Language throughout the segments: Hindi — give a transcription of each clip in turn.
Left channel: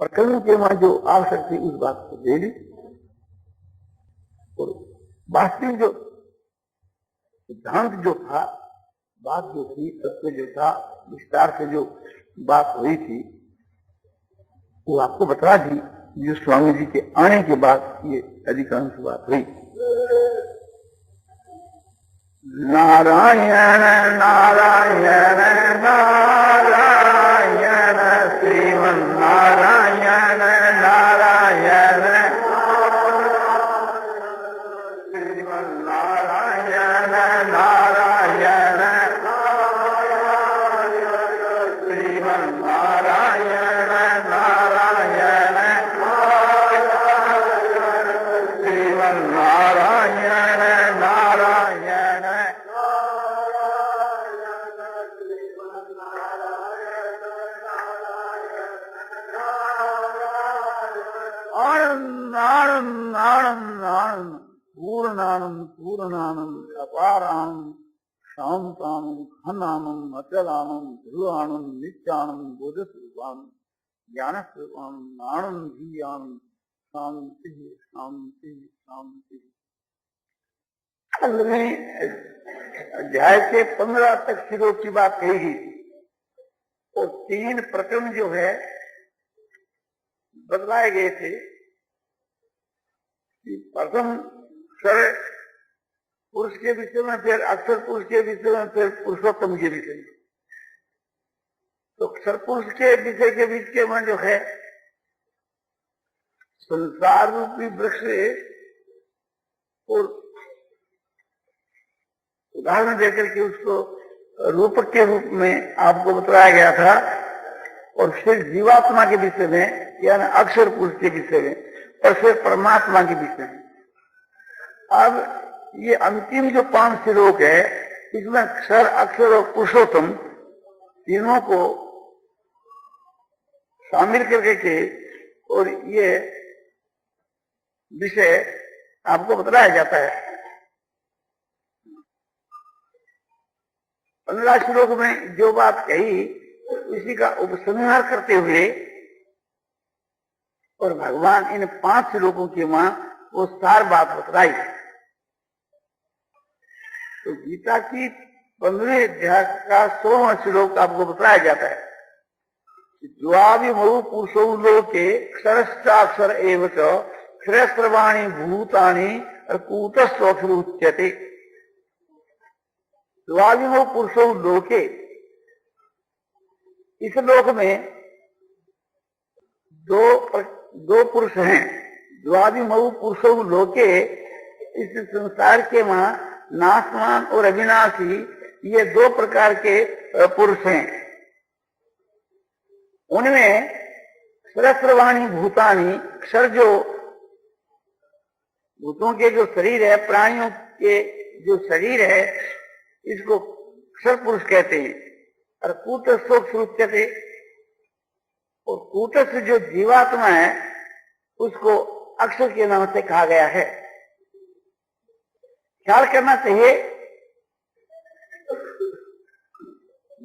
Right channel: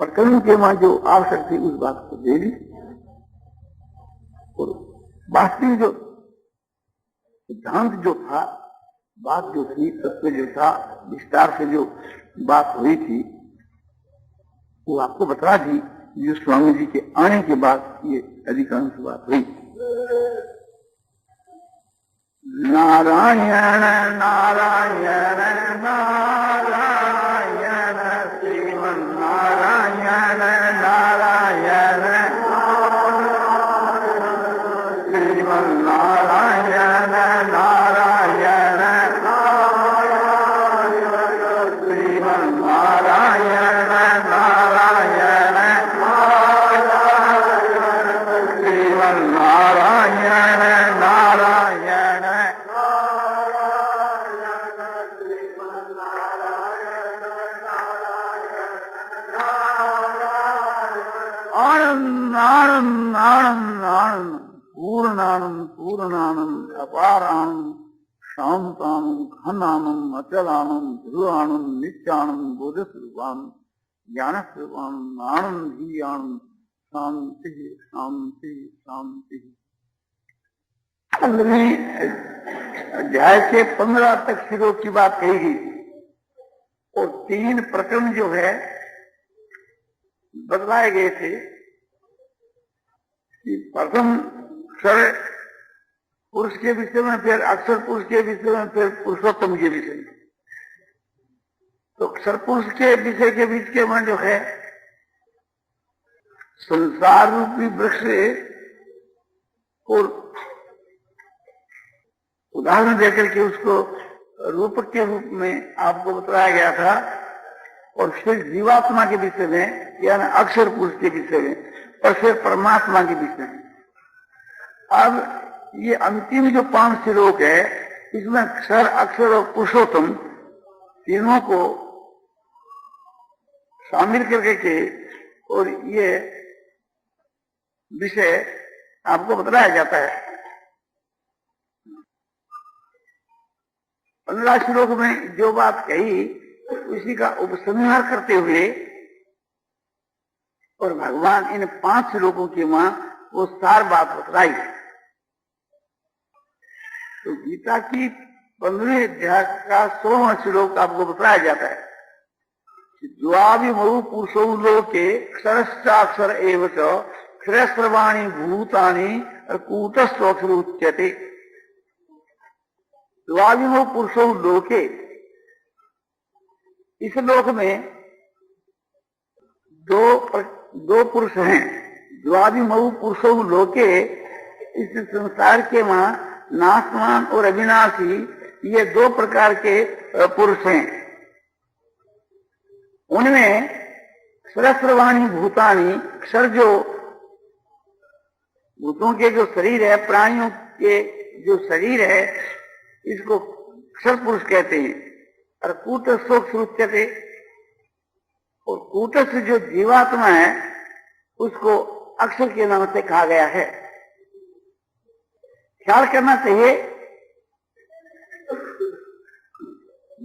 प्रकरण के वहां जो आवश्यक थी उस बात को दे दी, और वास्तविक जो सिद्धांत जो था, बात जो थी, तत्व जो था, विस्तार से जो बात हुई थी वो आपको बता दी। जो स्वामी जी के आने के बाद ये अधिकांश बात हुई। नारायण नारायण नारायण श्रीमन नारायण नारायण श्रीमन नारायण नारायण श्रीमन नारायण नारायण श्रीमन नारायण नारायण। आनंद आनंद आनंद आनंद पूर्णानंद पूर्णानंद अपारानंद शांतानंद घनानंद अचलानंद ध्रुवानंद नित्यानंद बोधस्वरूपानंद ज्ञानस्वरूपानंद आनंद ही आनंद शांति शांति शांति। 15वें अध्याय के 15 तक श्लोक की बात कही गई और 3 प्रकरण जो है बदलाए गए थे कि प्रथम क्षर पुरुष के विषय में, फिर अक्षर पुरुष के विषय में, फिर पुरुषोत्तम के विषय में। तो अक्षर पुरुष के विषय के बीच के में जो है संसार रूपी वृक्ष को उदाहरण देकर के उसको रूपक के रूप में आपको बताया गया था, और फिर जीवात्मा के विषय में यानी अक्षर पुरुष के विषय में, और फिर परमात्मा के विषय में। अब ये अंतिम जो 5 श्लोक है इसमें अक्षर अक्षर और पुरुषोत्तम तीनों को शामिल करके के और ये विषय आपको बताया जाता है। 15 श्लोक में जो बात कही उसी का उपसंहार करते हुए और भगवान इन 5 श्लोकों के वहां वो सार बात बतलाई। तो गीता की 15वें अध्याय का 16वां श्लोक आपको बताया जाता है। द्वाविमौ पुरुषौ लोके क्षरश्चाक्षर एव च क्षरस्रवाणि भूतानि कूटस्थोऽक्षर उच्यते। द्वाविमौ पुरुषौ लोके, इस लोक में दो पुरुष हैं। द्वाविमौ पुरुषौ लोके, इस संसार के वहां नाशवान और अविनाशी ये 2 प्रकार के पुरुष हैं। उनमें सहस्रवाणी भूतानि, क्षर जो भूतों के जो शरीर है, प्राणियों के जो शरीर है, इसको क्षर पुरुष कहते हैं। और कूटस्थोऽक्षर, और कूटस्थ जो जीवात्मा है उसको अक्षर के नाम से कहा गया है। ख्याल करना चाहिए,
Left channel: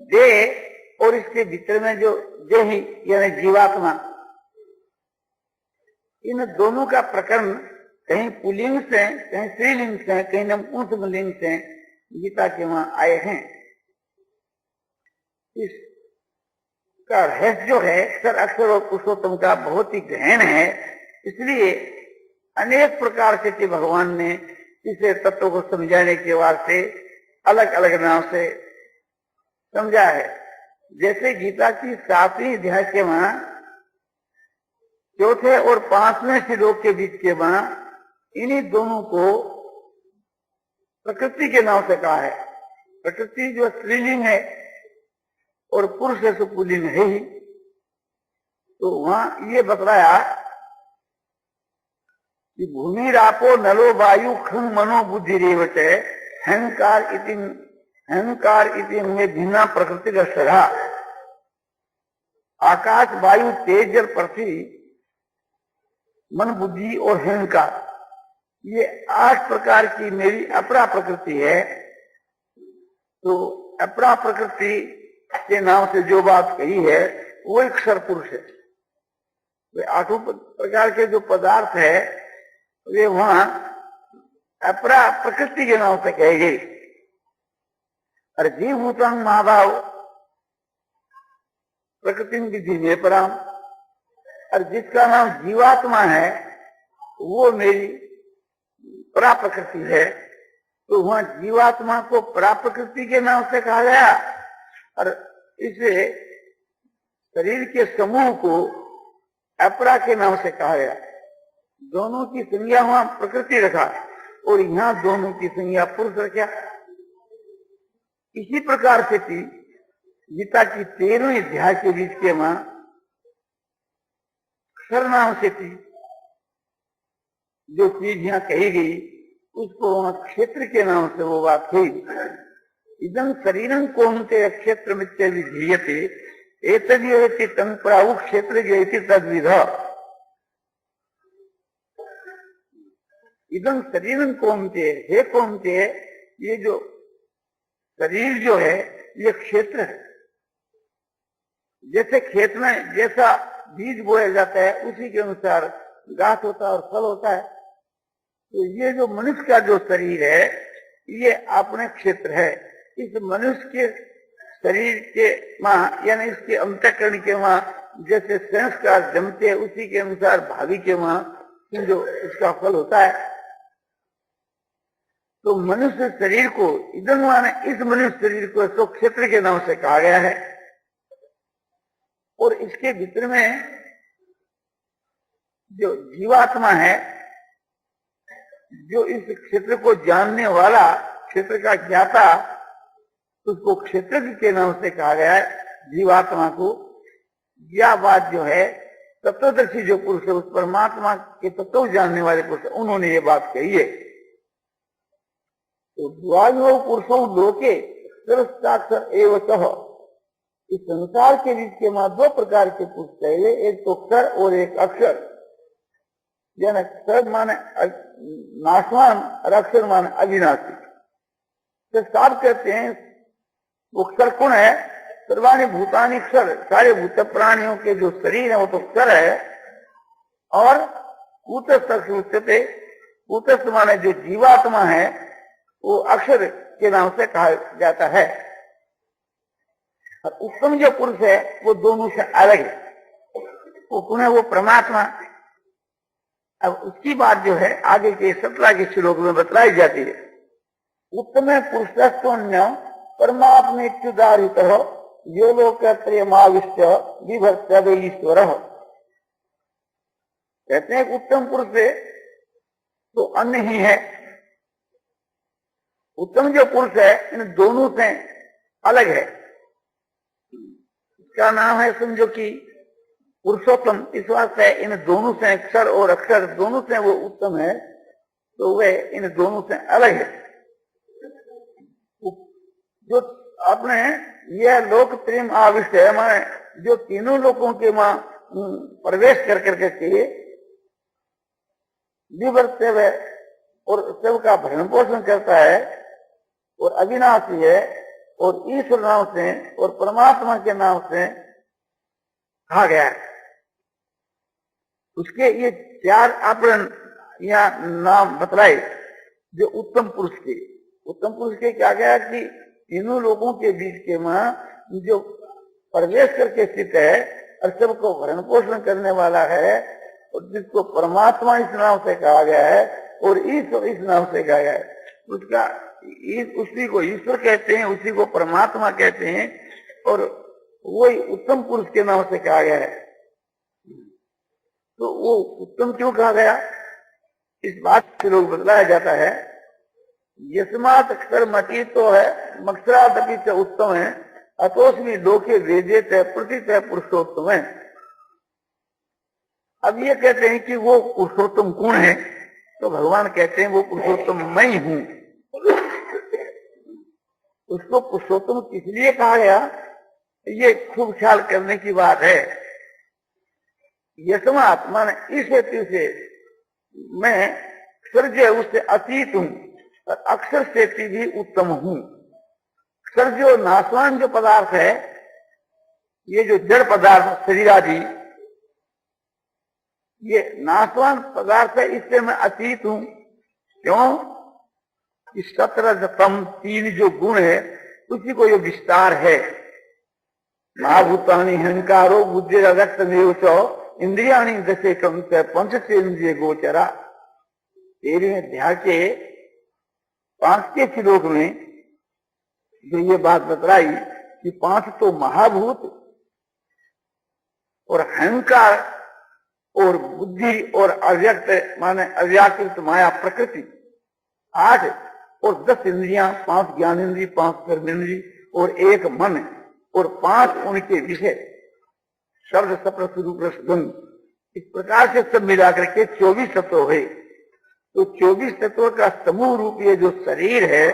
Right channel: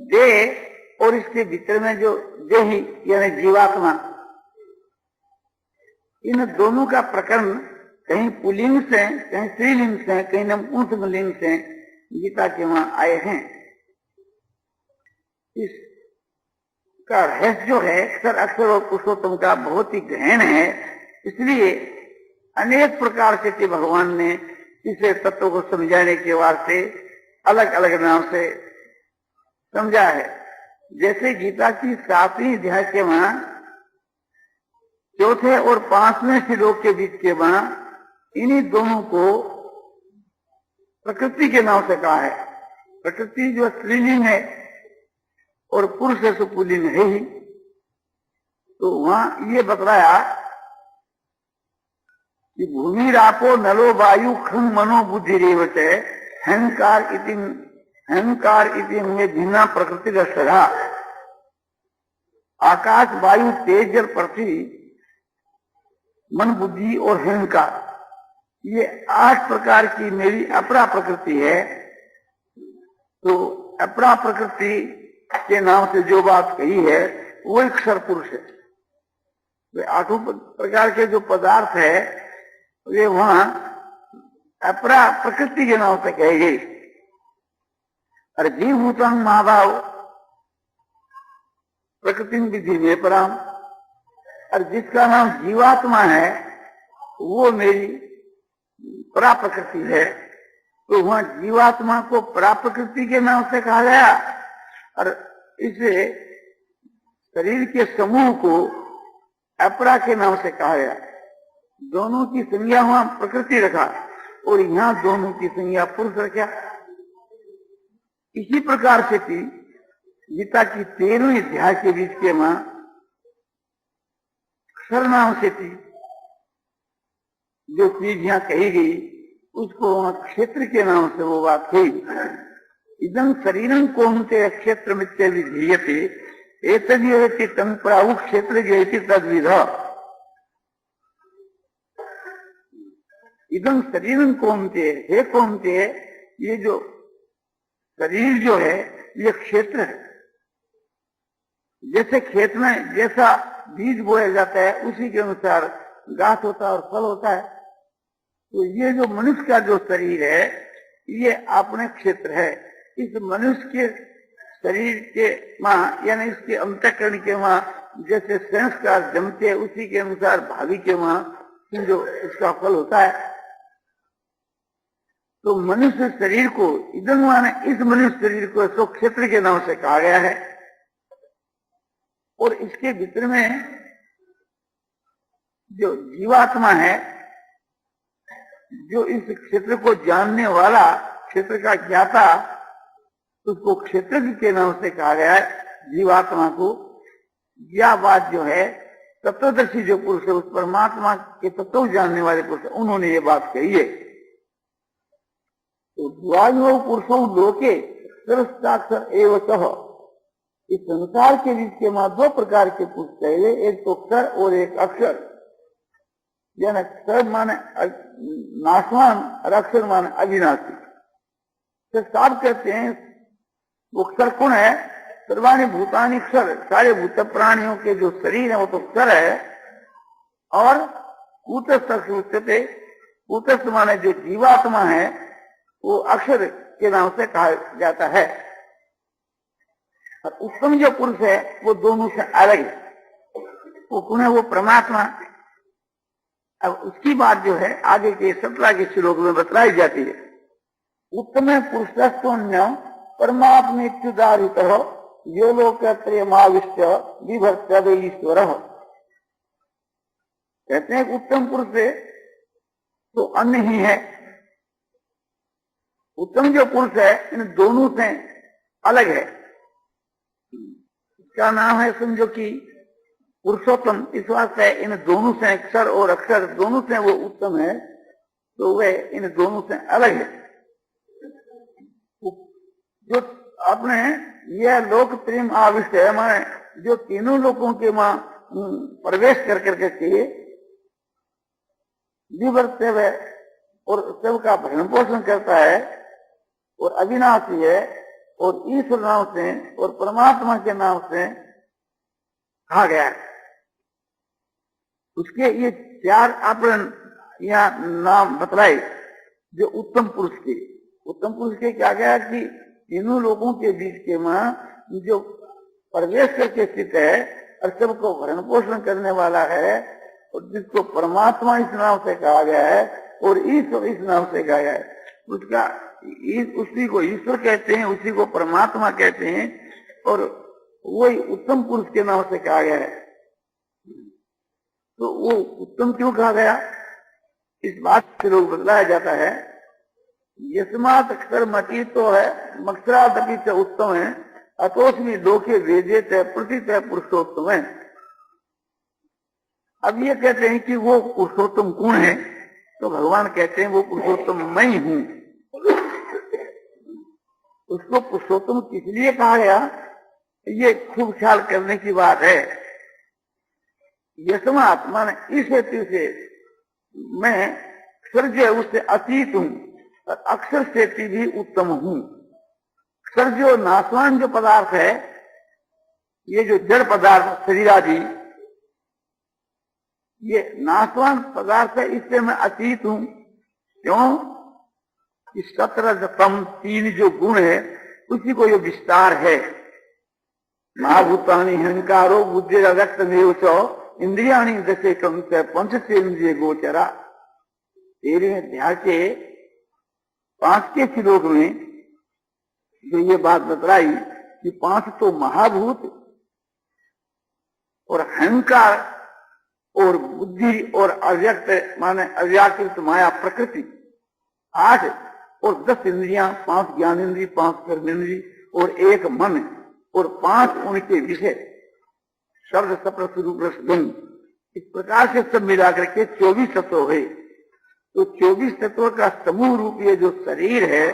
देह और इसके भीतर में जो देही यानी जीवात्मा, इन दोनों का प्रकरण कहीं पुल्लिंग से, कहीं स्त्रीलिंग से, कहीं नपुंसकलिंग से गीता के वहां आए हैं। इसका रहस्य जो है अक्षर अक्षर और पुरुषोत्तम का बहुत ही गहन है, इसलिए अनेक प्रकार से भगवान ने इसे तत्व को समझाने के वास्ते अलग अलग नाम से समझा है। जैसे गीता की 7वीं अध्याय के वहां 4थे और 5वें श्लोक के बीच के वहां इन्हीं दोनों को प्रकृति के नाम से कहा है। प्रकृति जो स्त्रीलिंग है और पुरुष से पुल्लिंग है ही, तो वहां ये बतलाया कि भूमि रापो नलो वायु खम मनो बुद्धि रेवत अहंकार इति में भिन्ना प्रकृति रहा। आकाश वायु तेज जल पृथ्वी मन बुद्धि और अहंकार, ये 8 प्रकार की मेरी अपरा प्रकृति है। तो अपरा प्रकृति के नाम से जो बात कही है वो अक्षर पुरुष है। वे आठों प्रकार के जो पदार्थ है वे वहां अपरा प्रकृति के नाम से कहे गई। और जीवभूतम महाभाव प्रकृति विधि में पराम, और जिसका नाम जीवात्मा है वो मेरी परा प्रकृति है, तो वहां जीवात्मा को परा प्रकृति के नाम से कहा गया और इसे शरीर के समूह को अपरा के नाम से कहा गया। दोनों की संज्ञा वहां प्रकृति रखा और यहाँ दोनों की संज्ञा पुरुष रखा। इसी प्रकार से थी गीता की 13वें अध्याय के बीच के वहां अक्षर नाम से थी जो चीज यहाँ कही गई उसको वहां क्षेत्र के नाम से वो बात हुई। इदं शरीरं कौन्तेय क्षेत्र मित्य विधीयते एतद्योति तं प्राहु क्षेत्र ज्योति तद्विध। इदं शरीरं कौन्तेय, हे कौन्तेय, ये जो शरीर जो है ये क्षेत्र है। जैसे खेत में जैसा बीज बोया जाता है उसी के अनुसार घास होता है और फल होता है, तो ये जो मनुष्य का जो शरीर है ये अपने क्षेत्र है। इस मनुष्य के शरीर के वहां यानी इसके अंतःकरण के वहां जैसे संस्कार जमते उसी के अनुसार भावी के वहां जो इसका फल होता है। तो मनुष्य शरीर को इधर माने इस मनुष्य शरीर को तो क्षेत्र के नाम से कहा गया है। और इसके भीतर में जो जीवात्मा है, जो इस क्षेत्र को जानने वाला, क्षेत्र का ज्ञाता, उसको क्षेत्र के नाम से कहा गया है जीवात्मा को। यह बात जो है तत्वदर्शी जो पुरुष है, उस परमात्मा के तत्व जानने वाले पुरुष, उन्होंने ये बात कही है। तो द्वादशो पुरुषों लोके सर्वसाक्षर एवं सह, इस संसार के बीच के वहां दो प्रकार के पुरुष कहे, एक तो क्षर और एक अक्षर। यानी क्षर माने नाशवान और अक्षर माने अविनाशी। तो साफ कहते हैं वो क्षर कौन है? सर्वाणी भूतानि क्षर, सारे भूत प्राणियों के जो शरीर है वो तो क्षर है। और कूटस्थ कूटस्थ माने जो जीवात्मा है वो अक्षर के नाम से कहा जाता है। और उत्तम जो पुरुष है वो दोनों से अलग है, वो पुनः वो परमात्मा। अब उसकी बात जो है आगे के 17 के श्लोक में बतलाई जाती है। उत्तम पुरुषस्त्वन्य परमात्मेत्युदारित यो लोकत्रयमाविष्ट विभक्त ईश्वर। कहते हैं उत्तम पुरुष से तो अन्य ही है। उत्तम जो पुरुष है इन दोनों से अलग है। इसका नाम है समझो कि पुरुषोत्तम। इस वास्ते इन दोनों से अक्षर और अक्षर दोनों से वो उत्तम है, तो वह इन दोनों से अलग है। जो अपने यह लोक प्रेम आविष्ट है, माने जो तीनों लोगों के वहां प्रवेश कर करके किए विवर्ते हुए और सबका भरण पोषण करता है और अविनाशी है और ईश्वर नाम से और परमात्मा के नाम से कहा गया है। उसके ये 4 आवरण या नाम बतलाए जो उत्तम पुरुष के। उत्तम पुरुष के क्या गया कि तीनों लोगों के बीच के में जो प्रवेश करके स्थित है और सबको भरण पोषण करने वाला है और जिसको परमात्मा इस नाम से कहा गया है और ईश्वर इस नाम से कहा गया है, उसका उसी को ईश्वर कहते हैं, उसी को परमात्मा कहते हैं और वही उत्तम पुरुष के नाम से कहा गया है। तो वो उत्तम क्यों कहा गया, इस बात से लोग बतलाया जाता है। यस्मात् अक्षर मती तो है मक्षरादपि च उत्तम है अतोस्मि लोके वेदेत प्रथित पुरुषोत्तम है। अब ये कहते हैं कि वो पुरुषोत्तम कौन है, तो भगवान कहते हैं वो पुरुषोत्तम मैं ही हूं। उसको पुरुषोत्तम किस लिए कहा गया, ये खूब ख्याल करने की बात है। यस्मात् माने इस हेतु से मैं अक्षर जो उससे अतीत हूं और अक्षर से भी उत्तम हूं। अक्षर जो नाशवान जो पदार्थ है, ये जो जड़ पदार्थ शरीर आदि, ये नाशवान पदार्थ है, इससे मैं अतीत हूं। क्यों? इस 17 3 जो गुण है उसी को ये विस्तार है। महाभूतानि अहंकारो बुद्धि रक्तमेव च इंद्रियाणि दशे कम से पंचेन्द्रिय गोचरा। 13वें अध्याय के 5 श्लोक में जो ये बात बतलाई कि 5 तो महाभूत और अहंकार और बुद्धि और अव्यक्त माने अव्याकृत माया प्रकृति 8 और 10 इंद्रियां, 5 ज्ञानेन्द्रिय, 5 कर्मेंद्रिय और 1 मन और 5 उनके विषय शब्द सप्तस रूप रस गंध, इस प्रकार से सब मिलाकर के 24 तत्व है। तो 24 तत्व का समूह रूप ये जो शरीर है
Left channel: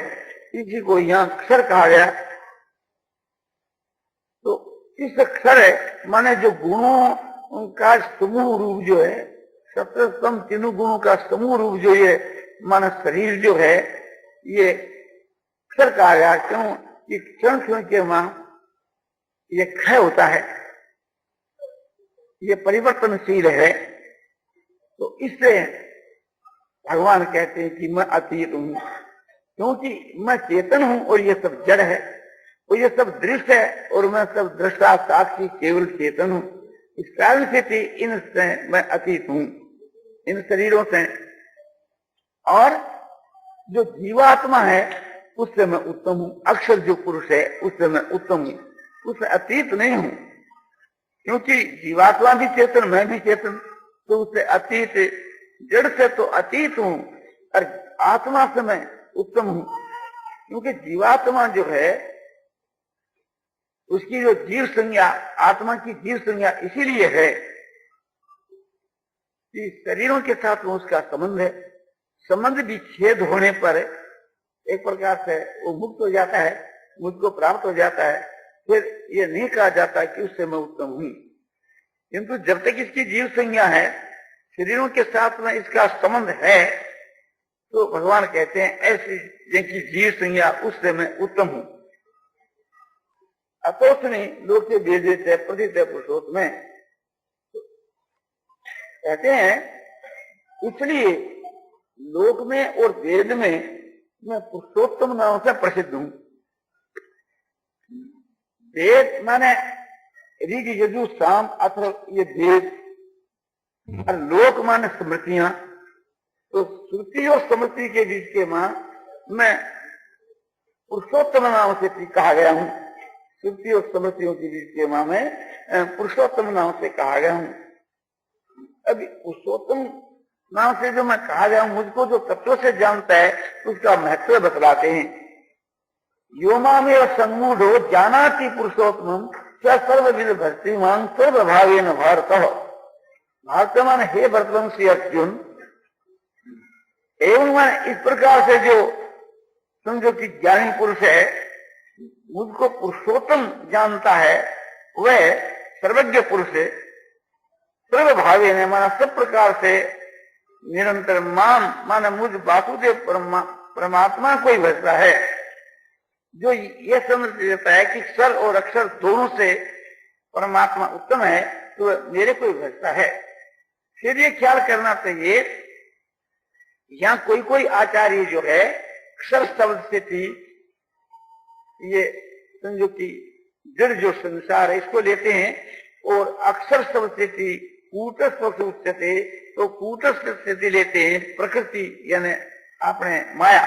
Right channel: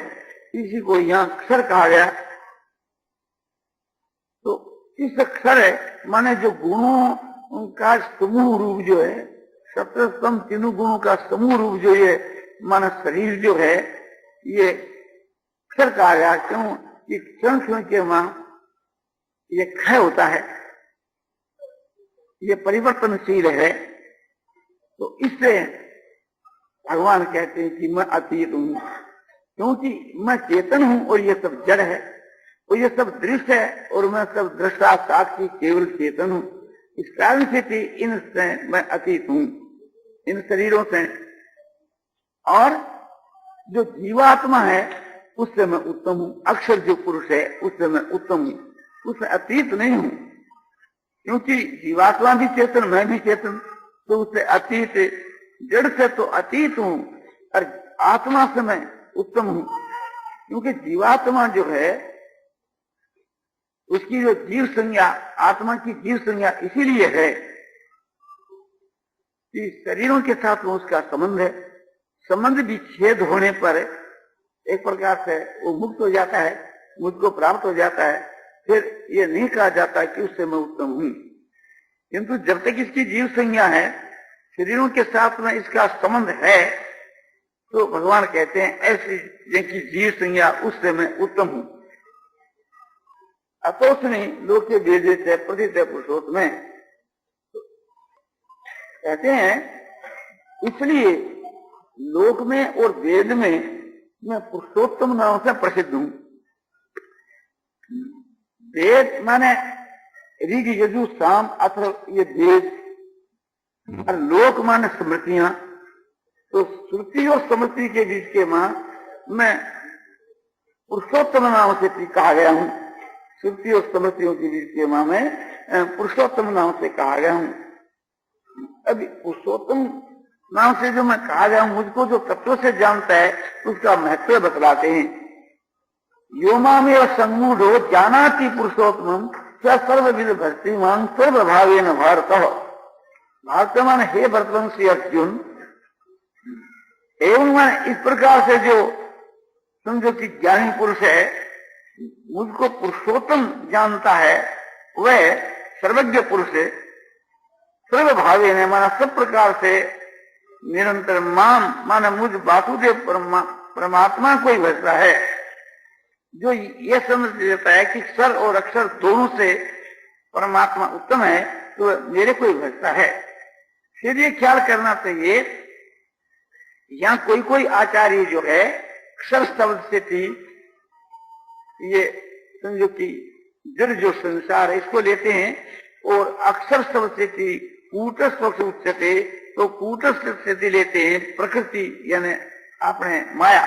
इसी को यहाँ अक्षर कहा गया। तो इस अक्षर माने जो गुणों का समूह रूप जो है, सप्तम तीनों गुणों का समूह रूप जो ये माना शरीर जो है ये अक्षर कहा गया। क्यों? कि क्षण क्षण के मां ये क्षय होता है, ये परिवर्तनशील है। तो इससे भगवान कहते हैं कि मैं अतीत हूं, क्योंकि मैं चेतन हूं और ये सब जड़ है और ये सब दृश्य है और मैं सब दृष्टा साक्षी केवल चेतन हूं। इस कारण से इनसे मैं अतीत हूं, इन शरीरों से। और जो जीवात्मा है उससे मैं उत्तम हूं, अक्षर जो पुरुष है उससे मैं उत्तम हूं, उससे अतीत नहीं हूं। क्योंकि जीवात्मा भी चेतन, मैं भी चेतन, तो उससे अतीत, जड़ से तो अतीत हूं और आत्मा से मैं उत्तम हूं। क्योंकि जीवात्मा जो है उसकी जो जीव संज्ञा, आत्मा की जीव संज्ञा इसीलिए है कि शरीरों के साथ में उसका संबंध है। संबंध विच्छेद होने पर एक प्रकार से वो मुक्त हो जाता है, मुझको प्राप्त हो जाता है। फिर ये नहीं कहा जाता कि उससे मैं उत्तम हूं। किंतु जब तक इसकी जीव संज्ञा है, शरीरों के साथ में इसका संबंध है, तो भगवान कहते हैं ऐसी जिनकी जीव संज्ञा उससे मैं उत्तम हूं। अतोस्मि लोके वेदे प्रथित पुरुषोत्तम में कहते हैं, इसलिए लोक में और वेद में मैं पुरुषोत्तम नाम से प्रसिद्ध हूं। वेद माने ऋग यजु साम अथर्व, ये वेद। और लोक माने स्मृतियां। तो श्रुति और स्मृति के बीच के मां मैं पुरुषोत्तम नाम से कहा गया हूं। श्रुति और स्मृतियों के बीच के मां में पुरुषोत्तम नाम से कहा गया हूं। अभी पुरुषोत्तम नाम से जो मैं कहा गया हूं, मुझको जो तत्व से जानता है उसका महत्व बतलाते हैं। योमा में सम्मूढ़ो जानाति पुरुषोत्तम सर्वविद भक्ति मांग सर्वभावेन भारत। भारत माने हे भरतवंशी अर्जुन, एवं इस प्रकार से जो समझो कि ज्ञानी पुरुष है मुझको पुरुषोत्तम जानता है, वह सर्वज्ञ पुरुष है। सर्वभावे ने माना सब प्रकार से निरंतर माम माना मुझ वासुदेव परमात्मा को ही भजता है। जो ये समझ लेता है कि क्षर और अक्षर दोनों से परमात्मा उत्तम है, तो मेरे को ही भजता है। फिर ये ख्याल करना चाहिए, यहाँ कोई कोई आचार्य जो है अक्षर शब्द से थी, ये समझो कि जड़ जो संसार है इसको लेते हैं, और अक्षर शब्द से थी कूटस्थ उच्चते, तो कूटस्थ स्थिति लेते हैं प्रकृति यानी अपने माया।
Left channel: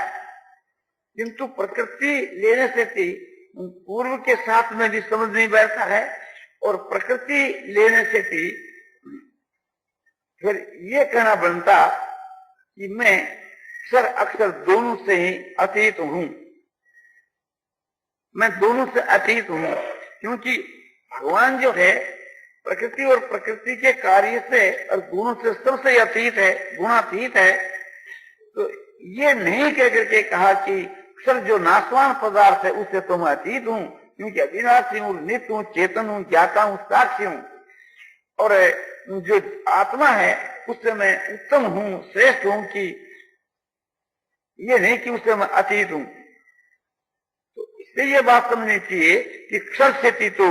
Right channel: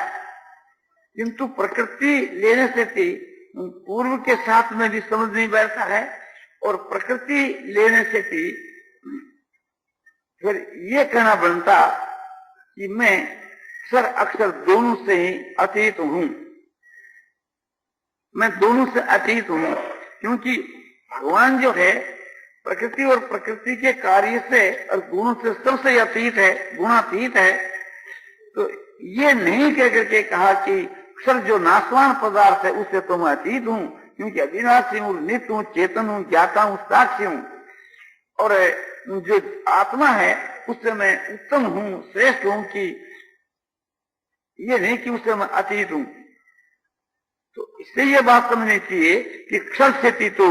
किंतु प्रकृति लेने से थी पूर्व के साथ में भी समझ नहीं बैठता है, और प्रकृति लेने से थी फिर ये कहना बनता कि मैं अक्षर अक्षर दोनों से ही अतीत हूं। मैं दोनों से अतीत हूं, क्योंकि भगवान जो है प्रकृति और प्रकृति के कार्य से और गुणों से सबसे अतीत है, गुणातीत है। तो ये नहीं कह करके कहा कि अक्षर जो नाशवान पदार्थ है उससे तो मैं अतीत हूं, क्योंकि अविनाशी हूं, नित्य हूं, चेतन हूं, ज्ञाता हूं, साक्षी हूं। और जो आत्मा है उससे मैं उत्तम हूं, श्रेष्ठ हूं, कि ये नहीं कि उससे मैं अतीत हूं। तो इससे ये बात समझनी चाहिए कि क्षर से तो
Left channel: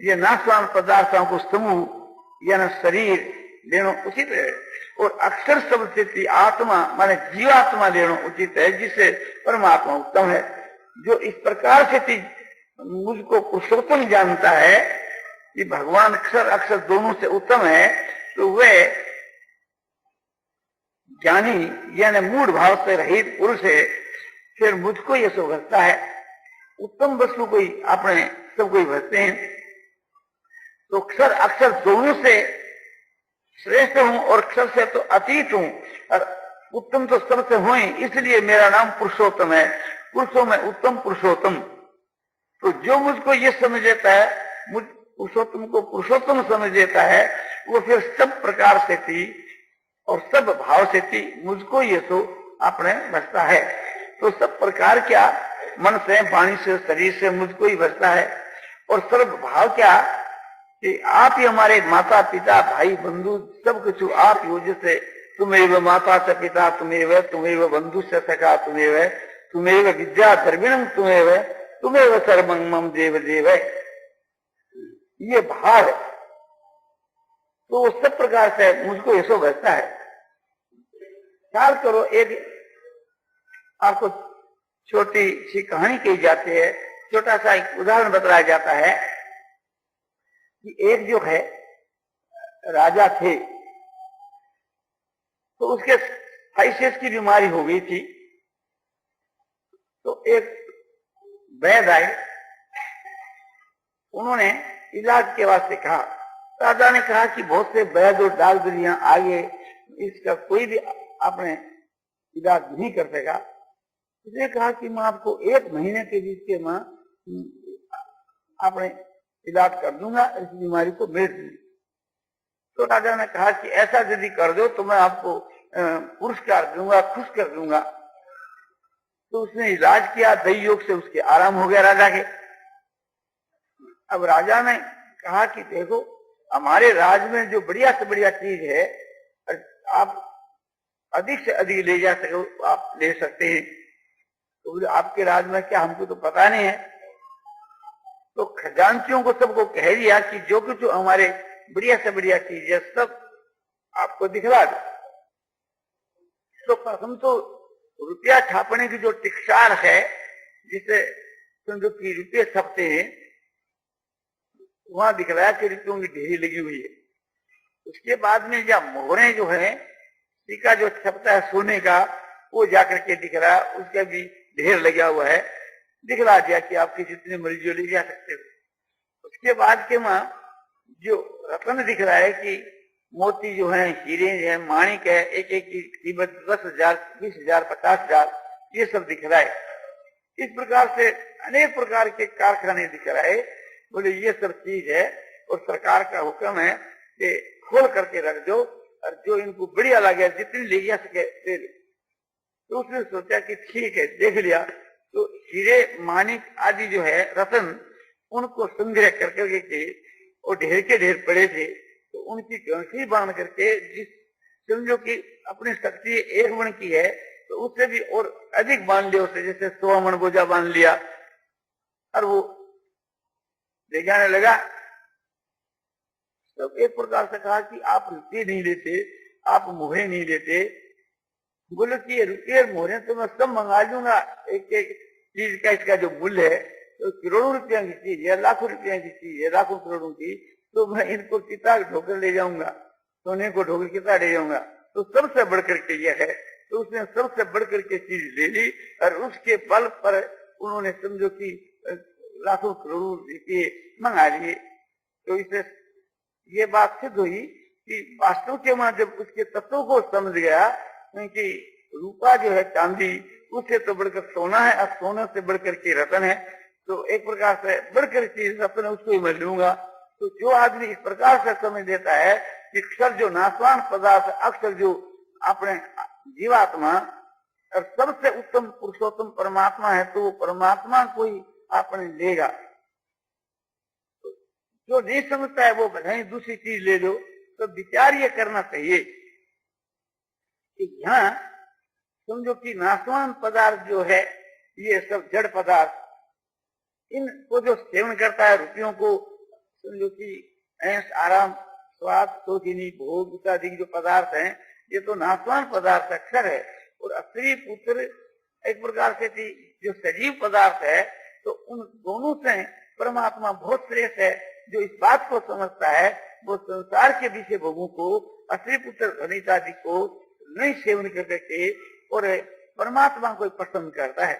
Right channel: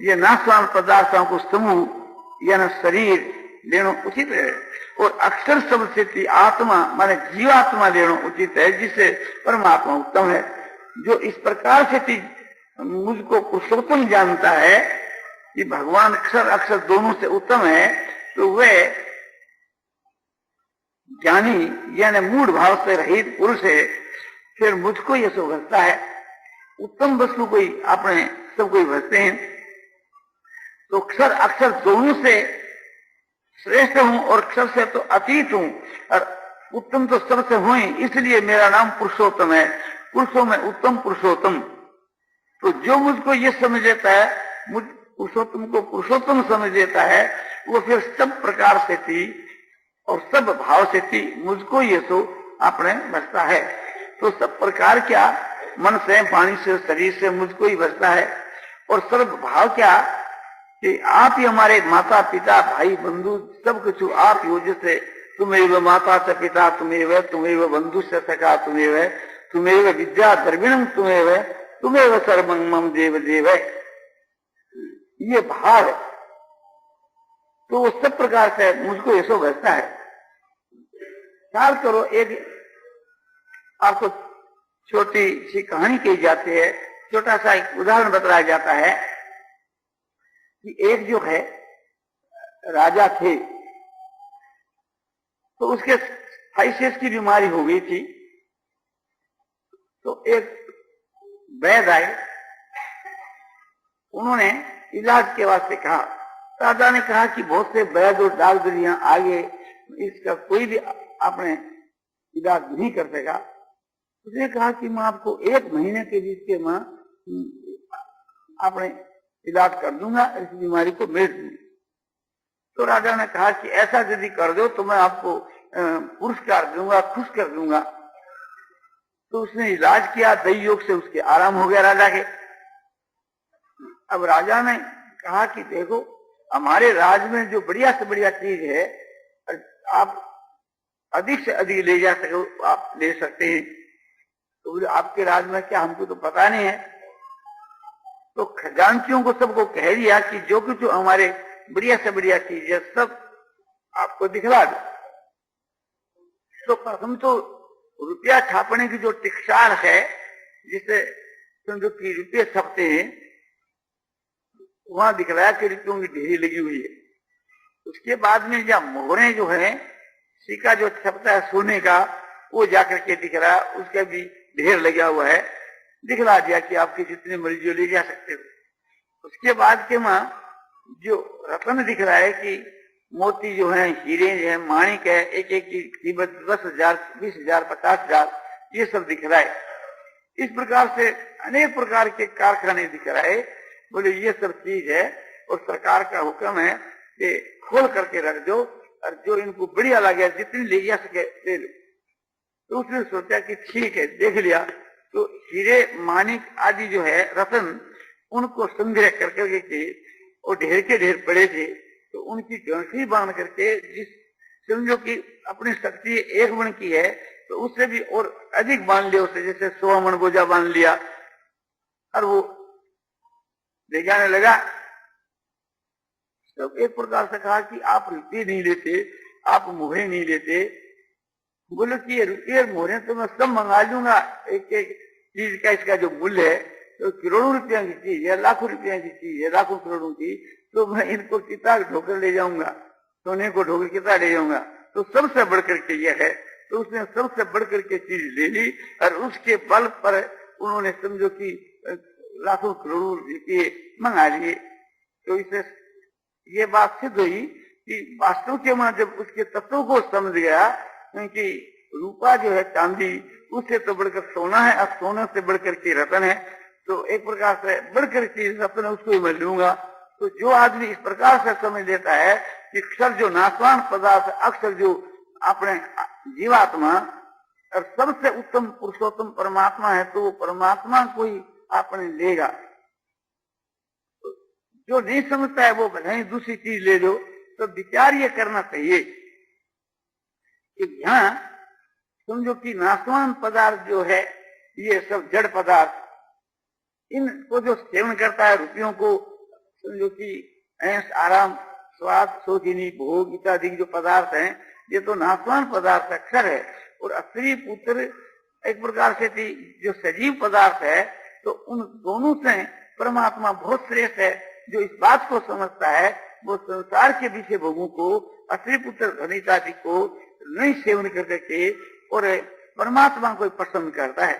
ये नाशवान पदार्थों को समूह यानी शरीर लेना उचित है। और अक्षर शब्द से आत्मा माने जीवात्मा लेना उचित है, जिससे परमात्मा उत्तम है। जो इस प्रकार से मुझको पुरुषोत्तम जानता है कि भगवान अक्षर अक्षर दोनों से उत्तम है, तो वह ज्ञानी यानी मूढ़ भाव से रहित पुरुष है। फिर मुझको ये समझता है उत्तम वस्तु कोई अपने सब कोई भजते हैं, तो अक्षर अक्षर दोनों से श्रेष्ठ हूं और अक्षर से तो अतीत हूं, और उत्तम तो सबसे हूं ही, इसलिए मेरा नाम पुरुषोत्तम है। पुरुषों में उत्तम पुरुषोत्तम। तो जो मुझको ये समझ लेता है, मुझ पुरुषोत्तम को पुरुषोत्तम समझ लेता है, वो फिर सब प्रकार से थी और सब भाव से थी मुझको ये सो अपने बसता है। तो सब प्रकार क्या, मन से वाणी से शरीर से मुझको ही बसता है। और सर्व भाव क्या कि आप ही हमारे माता पिता भाई बंधु सब कुछ आप ही हो। जैसे तुम्हें माता च पिता तुम्हें बंधु से सखा तुम्हें विद्या द्रविणम तुम्हें सर्वं मम देव देव, ये भाव है। तो वो सब प्रकार से मुझको ऐसा बसता है। ख्याल करो, एक आपको छोटी सी कहानी कही जाती है, छोटा सा एक उदाहरण बताया जाता है कि एक जो है राजा थे, तो उसके थाइसिस की बीमारी हो गई थी। तो एक वैद्य आए, उन्होंने इलाज के वास्ते कहा। राजा ने कहा कि बहुत से वैद्य और डॉक्टर यहाँ आगे, इसका कोई भी आपने इलाज नहीं कर सका। उसने कहा कि मैं आपको 1 महीने के बीच के मैं अपने इलाज कर दूंगा, इस बीमारी को मेट दूंगा। तो राजा ने कहा कि ऐसा यदि कर दो तो मैं आपको पुरस्कार दूंगा, खुश कर दूंगा। तो उसने इलाज किया, दैव योग से उसके आराम हो गया राजा के। अब राजा ने कहा कि देखो, हमारे राज्य में जो बढ़िया से बढ़िया चीज है, आप अधिक से अधिक ले जा सको, आप ले सकते हैं। तो बोले आपके राज्य में क्या, हमको तो पता नहीं है। तो खजांचियों को सबको कह दिया कि जो कुछ हमारे बढ़िया से बढ़िया चीज है सब आपको दिखला दो। तो हम तो रुपया छापने की जो टिक्सार है, जिसे समझो कि रुपये छपते हैं, वहां दिखलाया कि रुपयों की ढेरी लगी हुई है। उसके बाद में या मोहरे जो है, सिक्का जो छपता है सोने का, वो जाकर के दिख रहा, उसका भी ढेर लगा हुआ है, दिखला दिया कि आपके जितने मर्जी ले जा सकते हो। उसके बाद के वहां जो रत्न दिख रहा है कि मोती जो है, हीरे जो है, माणिक है, एक एक की कीमत 10,000, 20,000, 50,000, ये सब दिख रहा है। इस प्रकार से अनेक प्रकार के कारखाने दिख रहा है। बोले ये सब चीज है और सरकार का हुक्म है कि खोल करके रख दो, और जो इनको बढ़िया लगे जितनी ले जा सके ले लो। तो उसने सोचा कि ठीक है, देख लिया। तो हीरे माणिक आदि जो है रत्न, उनको संग्रह करके और ढेर के ढेर पड़े थे, तो उनकी गंठी बांध करके, जिस समझो कि अपनी शक्ति 1 मन की है, तो उससे भी और अधिक बांध लिया उसे, जैसे 100 मन बोझा बांध लिया, और वो ले जाने लगा। तो एक प्रकार से कहा कि आप रुपये नहीं लेते, आप मोहरे नहीं लेते। बोले कि ये रुपये मोहरे तो मैं सब मंगा लूंगा, एक एक चीज का इसका जो मूल्य है तो करोड़ों रुपया की चीज है, लाखों रुपया की चीज है, लाखों करोड़ों की, तो मैं इनको किताब ढोकर ले जाऊंगा, सोने को ढोकर किताब ले जाऊंगा। तो सबसे बढ़कर के यह है। तो उसने सबसे बढ़कर के चीज ले ली, और उसके बल पर उन्होंने समझो कि लाखों करोड़ों रुपये मंगा लिए। तो इसे ये बात सिद्ध हुई कि वास्तव के वहां जब उसके तत्वों को समझ गया कि रूपा जो है चांदी, उससे तो बढ़कर सोना है, अब सोने से बढ़कर के रतन है, तो एक प्रकार से बढ़कर के रतन है, उसको मैं लूंगा। तो जो आदमी इस प्रकार से समझ लेता है कि अक्षर जो नाशवान पदार्थ, अक्षर जो अपने जीवात्मा और सबसे उत्तम पुरुषोत्तम परमात्मा है, तो वो परमात्मा को ही आपने लेगा। जो नहीं समझता है वो भले ही दूसरी चीज ले लो। तो विचार ये करना चाहिए कि यहाँ समझो कि नाशवान पदार्थ जो है, ये सब जड़ पदार्थ, इनको जो सेवन करता है, रुपयों को समझो कि ऐश आराम स्वाद, शोधिनी, भोग इत्यादि जो पदार्थ हैं, ये तो नाशवान पदार्थ अक्षर है। और स्त्री पुत्र एक प्रकार से जो सजीव पदार्थ है, तो उन दोनों से परमात्मा बहुत श्रेष्ठ है। जो इस बात को समझता है वो संसार के विषय भोगों को, स्त्री पुत्र धनिक आदि को नहीं सेवन करके और परमात्मा को पसंद करता है।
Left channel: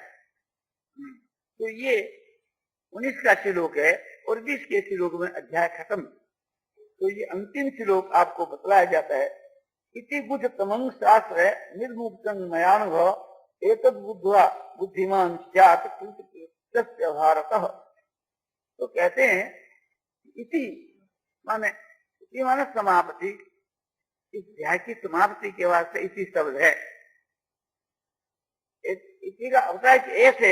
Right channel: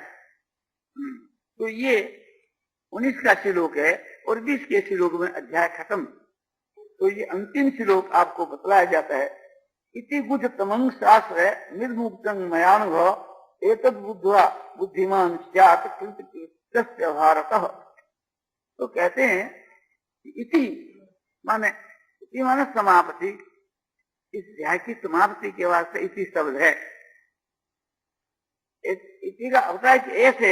तो ये 19 का श्लोक है और 20 के श्लोक में अध्याय खत्म। तो ये अंतिम श्लोक आपको बतलाया जाता है, इति बुद्ध तमंग शास्त्र निर्मुक्तं मयानुभव एतद् बुद्ध्वा बुद्धिमान स्यात् कृतकृत्यस्य भारतः। तो कहते हैं इति माने समाप्ति, इस अध्याय की समाप्ति के वास्ते इसी शब्द है। इसी का अर्थ है कि ऐसे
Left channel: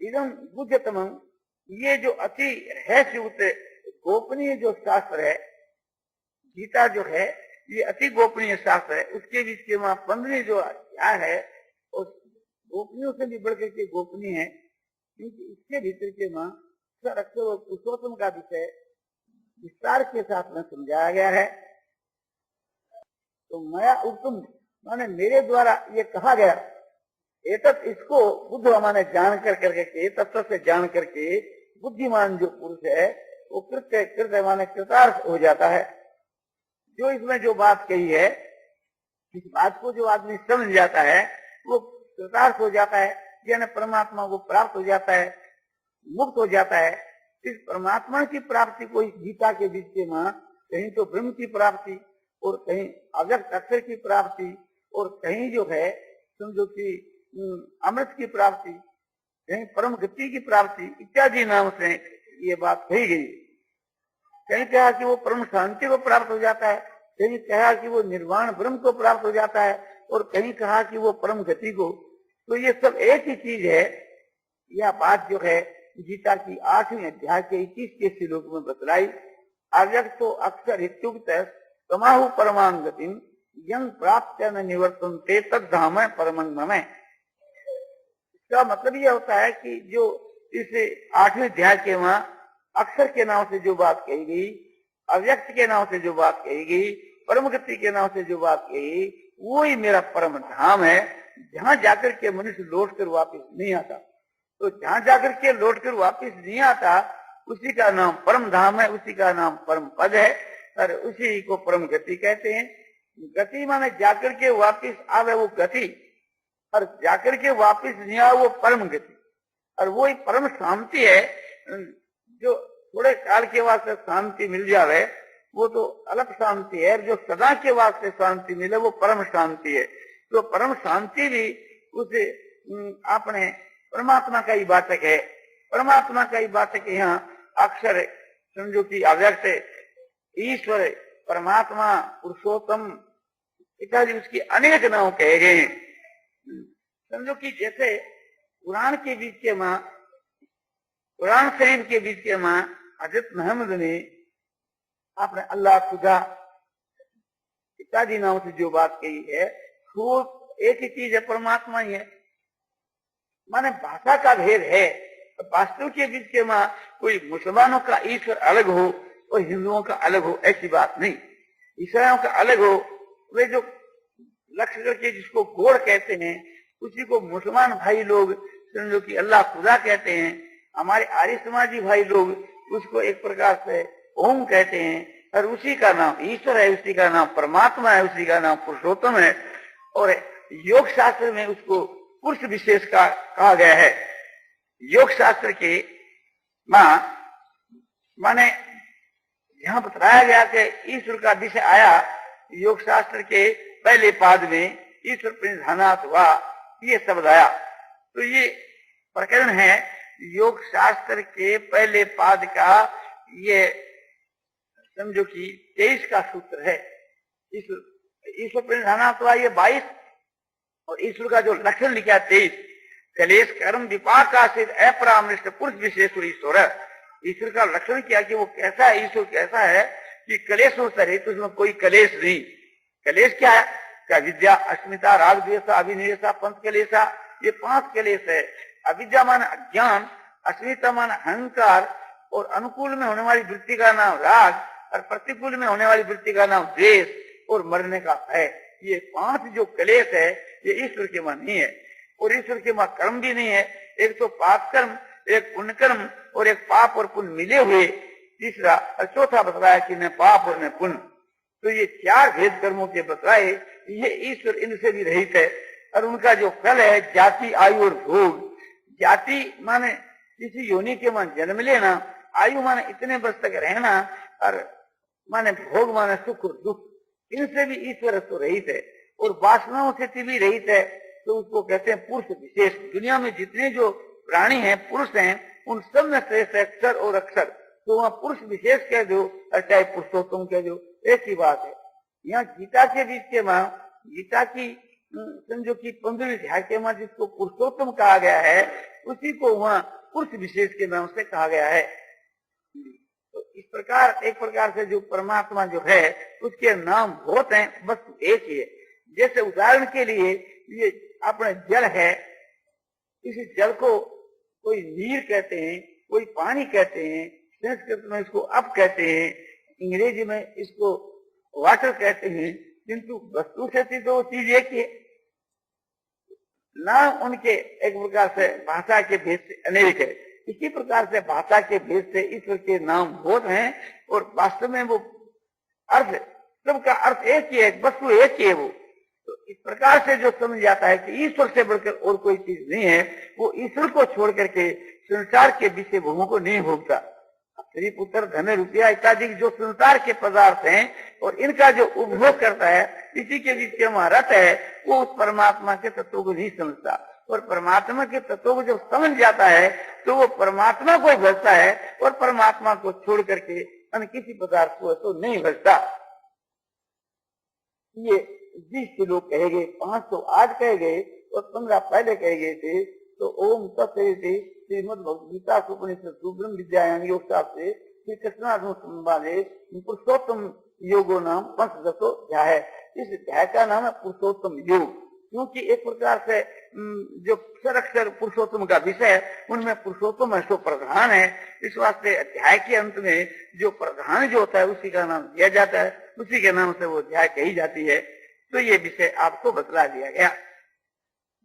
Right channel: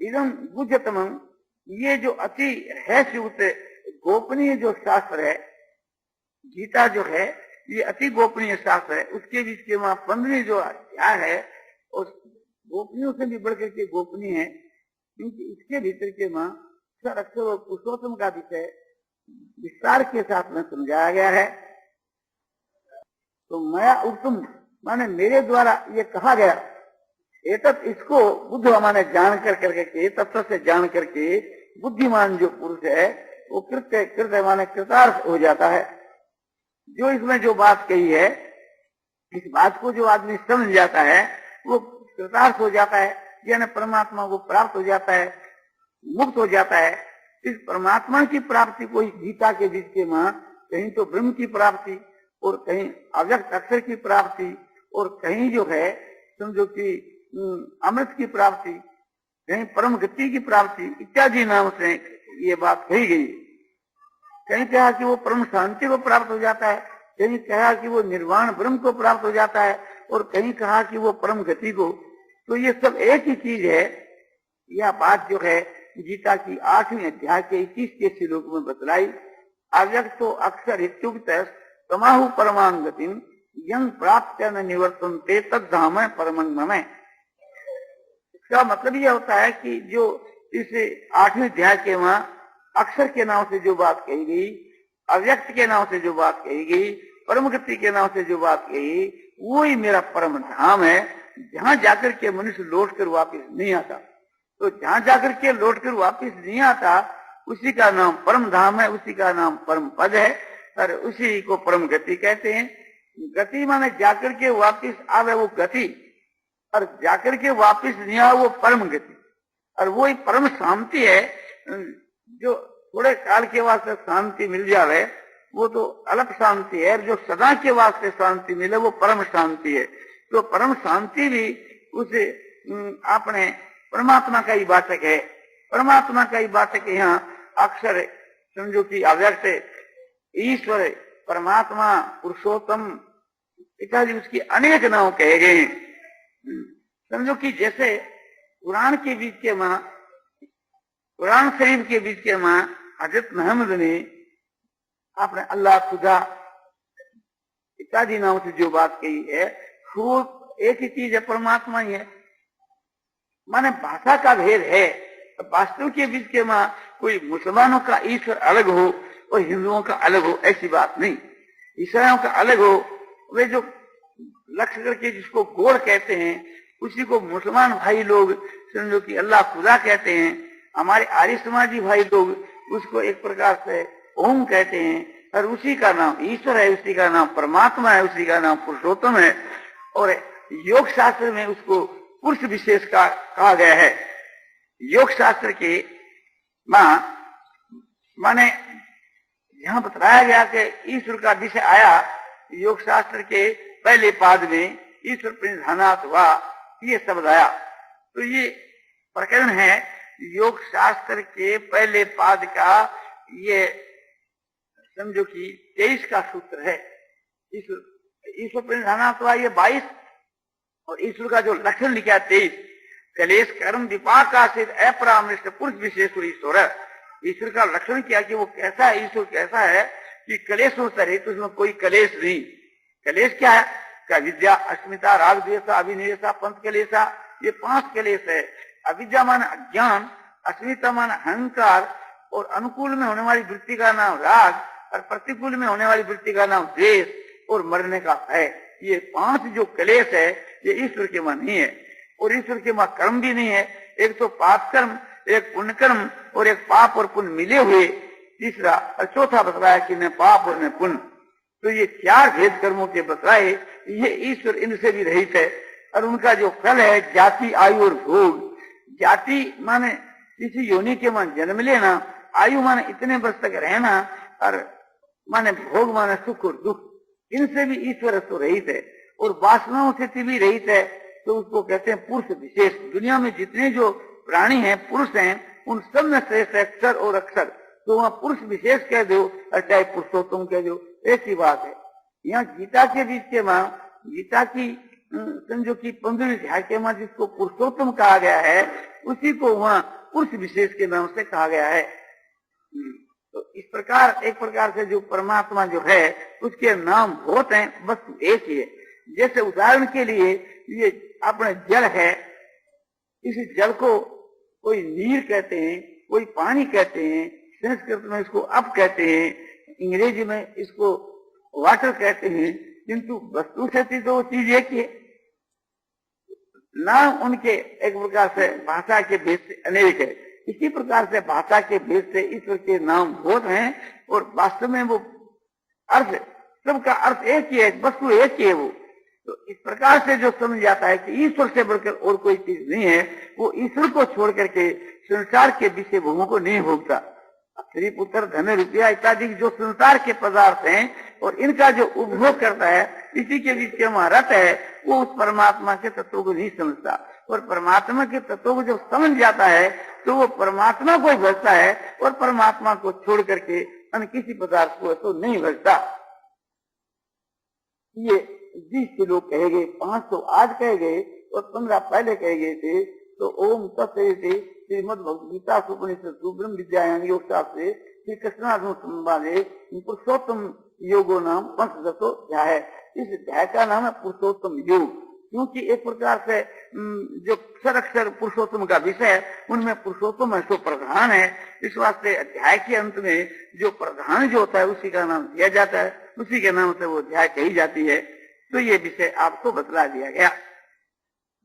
इदम बुद्धतमं, ये जो अति रहस्युक्त गोपनीय जो शास्त्र है, गीता जो है ये अति गोपनीय शास्त्र है। उसके बीच के वहां 15 जो अध्याय है और गोपनीयों से भी बढ़कर के गोपनीय है, क्योंकि इसके भीतर के वहां अक्षर और पुरुषोत्तम का विषय विस्तार के साथ में समझाया गया है। तो मया उत्तम माने मेरे द्वारा ये कहा गया, एतत् इसको बुद्ध माने जान करके तत्व से जान करके बुद्धिमान जो पुरुष है वो कृत्य माने कृतार्थ हो जाता है। जो इसमें जो बात कही है, इस बात को जो आदमी समझ जाता है वो कृतार्थ हो जाता है, यानी परमात्मा को प्राप्त हो जाता है, मुक्त हो जाता है। इस परमात्मा की प्राप्ति को इस गीता के बीच के मां कहीं तो ब्रह्म की प्राप्ति और कहीं अव्यक्त अक्षर की प्राप्ति और कहीं जो है समझो कि अमृत की प्राप्ति, कहीं परम गति की प्राप्ति इत्यादि नाम से ये बात कही गई। कहीं कहा कि वो परम शांति को प्राप्त हो जाता है, कहीं कहा कि वो निर्वाण ब्रह्म को प्राप्त हो जाता है और कहीं कहा कि वो परम गति को। तो ये सब एक ही चीज है। यह बात जो है गीता की 8वें अध्याय के 21 के श्लोक में बतलाई। अव्यक्तो अक्षर इत्युक्त तमाहु परमां गतिम यं प्राप्त न निवर्तन्ते तद्धाम परमं मम। इसका मतलब यह होता है कि जो इस 8वें अध्याय के वहां अक्षर के नाम से जो बात कही गई, अव्यक्त के नाम से जो बात कही गई, परम गति के नाम से जो बात कही, वो ही मेरा परम धाम है, जहां जाकर के मनुष्य लौट कर वापिस नहीं आता। तो जहां जाकर के लौट कर वापिस नहीं आता उसी का नाम परम धाम है, उसी का नाम परम पद है और उसी को परम गति कहते हैं। गति माने जाकर के वापिस आवे वो गति, और जाकर के वापिस नहीं आवे वो परम गति। और वो ही परम शांति है। जो थोड़े काल के वास्ते शांति मिल जावे वो तो अलग शांति है, जो सदा के वास्ते शांति मिले वो परम शांति है। तो परम शांति भी उस अपने परमात्मा का ही वाचक है। परमात्मा का ही वाचक यहाँ अक्षर समझो कि अव्यक्त ईश्वर, परमात्मा, पुरुषोत्तम इत्यादि उसके अनेक नाम कहे गए हैं। समझो कि जैसे कुरान के बीच के माँ, कुरान शरीफ के बीच के माँ हजरत मोहम्मद ने आपने अल्लाह, खुदा इत्यादि नाम से जो बात कही है वो एक ही चीज है, परमात्मा ही है। माने भाषा का भेद है। वास्तु के बीच के माँ कोई मुसलमानों का ईश्वर अलग हो और हिंदुओं का अलग हो, ऐसी बात नहीं। ईसाइयों का अलग हो, वे जो लक्ष्य करके जिसको गोड़ कहते हैं उसी को मुसलमान भाई लोग समझो कि अल्लाह खुदा कहते हैं। हमारे आर्य समाजी भाई लोग उसको एक प्रकार से ओम कहते हैं और उसी का नाम ईश्वर है, उसी का नाम परमात्मा है, उसी का नाम पुरुषोत्तम है। और योग शास्त्र में उसको पुरुष विशेष का कहा गया है। योग शास्त्र के माने यहाँ बताया गया कि ईश्वर का विषय आया योग शास्त्र के पहले पाद में, ईश्वर प्रणिधानात् हुआ, ये शब्द आया। तो ये प्रकरण है योग शास्त्र के पहले पाद का, ये समझो कि 23 का सूत्र है। ईश्वर प्रणिधानात् हुआ ये 22 और ईश्वर का जो लक्षण लिखा है 23। कलेश कर्म विपाक का सिद्ध अपरामृष्ट पुरुष विशेष ईश्वर है। ईश्वर का लक्षण क्या है कि वो कैसा है, ईश्वर कैसा है कि कलेशों से रहित, उसमें कोई कलेश नहीं। कलेश क्या है? क्या विद्या, अस्मिता, राग द्वेषा, अभिनिवेशा, पंच कलेशा, ये 5 कलेश है। अविद्या मान अज्ञान, अस्मिता मान अहंकार और अनुकूल में होने वाली वृत्ति का नाम राग और प्रतिकूल में होने वाली वृत्ति का नाम द्वेष और मरने का है। ये 5 जो क्लेश है ये ईश्वर के वहां नहीं है, और ईश्वर के वहां कर्म भी नहीं है। एक तो पाप कर्म, एक पुण्य कर्म, और एक पाप और पुण्य मिले हुए, तीसरा और चौथा बतलाया कि मैं पाप और मैं पुण्य। तो ये 4 भेद कर्मों के बतलाए, ये ईश्वर इनसे भी रहित है। और उनका जो फल है जाति, आयु और भोग। जाति माने किसी योनि के वहां जन्म लेना, आयु माने इतने वर्ष तक रहना, और माने भोग माने सुख और दुख। इनसे भी ईश्वर तो रहित है, और वासनाओं से भी रहित है। तो उसको कहते हैं पुरुष विशेष। दुनिया में जितने जो प्राणी हैं, पुरुष हैं, उन सब में श्रेष्ठ है अक्षर और अक्षर। तो वहाँ पुरुष विशेष कह दो और चाहे पुरुषोत्तम कह दो, एक ही बात है। यहाँ गीता के बीच के वहाँ, गीता की समझो की 15वीं अध्याय के वहाँ जिसको पुरुषोत्तम कहा गया है, उसी को वहाँ पुरुष विशेष के नाम से कहा गया है। तो इस प्रकार एक प्रकार से जो परमात्मा जो है उसके नाम बहुत हैं, वस्तु एक ही है। जैसे उदाहरण के लिए ये अपने जल है, इस जल को कोई नीर कहते हैं, कोई पानी कहते हैं, संस्कृत में इसको अप कहते हैं, अंग्रेजी में इसको वाटर कहते हैं, किंतु वस्तु से तो चीज एक ही है। नाम उनके एक प्रकार से भाषा के भेद से अनेक है। इसी प्रकार से भाषा के भेद से ईश्वर के नाम बहुत हैं, और वास्तव में वो अर्थ, सबका अर्थ एक ही है, वस्तु एक ही है वो। तो इस प्रकार से जो समझ जाता है कि ईश्वर से बढ़कर और कोई चीज नहीं है, वो ईश्वर को छोड़ करके संसार के विषय भोगों को नहीं भोगता। स्त्री पुत्र धन रुपया इत्यादि जो संसार के पदार्थ हैं, और इनका जो उपभोग करता है, इसी के बीच में वहां रत है, वो उस परमात्मा के तत्व को नहीं समझता। और परमात्मा के तत्व को जब समझ जाता है तो वो परमात्मा को भजता है, और परमात्मा को छोड़ करके अन्य किसी पदार्थ को तो नहीं भजता। ये 20 लोग कहे गए, 508 कहे गए और 15 पहले कहे गए थे। तो ओम तत्सवितुर्वरेण्यं श्रीमद् भगवद गीता उपनिषद ब्रह्म विद्यायां योग शास्त्रे श्री कृष्णार्जुन संवादे पुरुषोत्तम योगो नाम 5 अध्याय है। इस अध्याय का नाम है पुरुषोत्तम योग, क्योंकि एक प्रकार से जो अक्षर पुरुषोत्तम का विषय है, उनमें पुरुषोत्तम है सो प्रधान है। इस वास्ते अध्याय के अंत में जो प्रधान जो होता है उसी का नाम दिया जाता है, उसी के नाम से वो अध्याय कही जाती है। तो ये विषय आपको बतला दिया गया।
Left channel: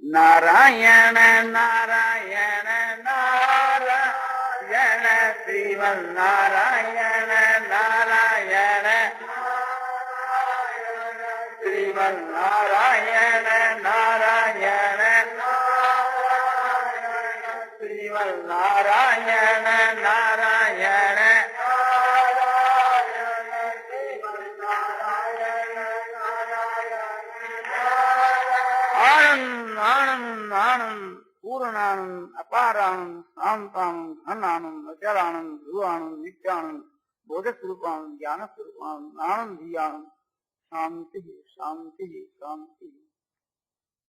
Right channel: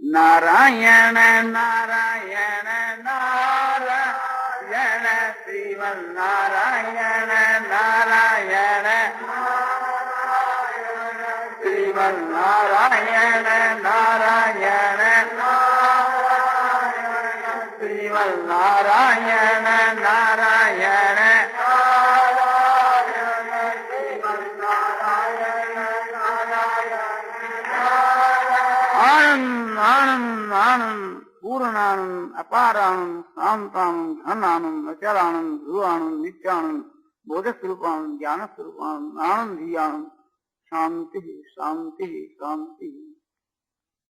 नारायण नारायण नारायण श्रीमन्नारायण नारायण श्रीमन्नारायण नारायण श्रीमन्नारायण नारायण आनंद आनंद आनंद पूर्णानंद अपारानंद शांतानंद घनानंद अचलानंद ध्रुवानंद नित्यानंद बोधस्वरूपानंद ज्ञान स्वरूपानंद आनंद ही आनंद शांति शांति शांति।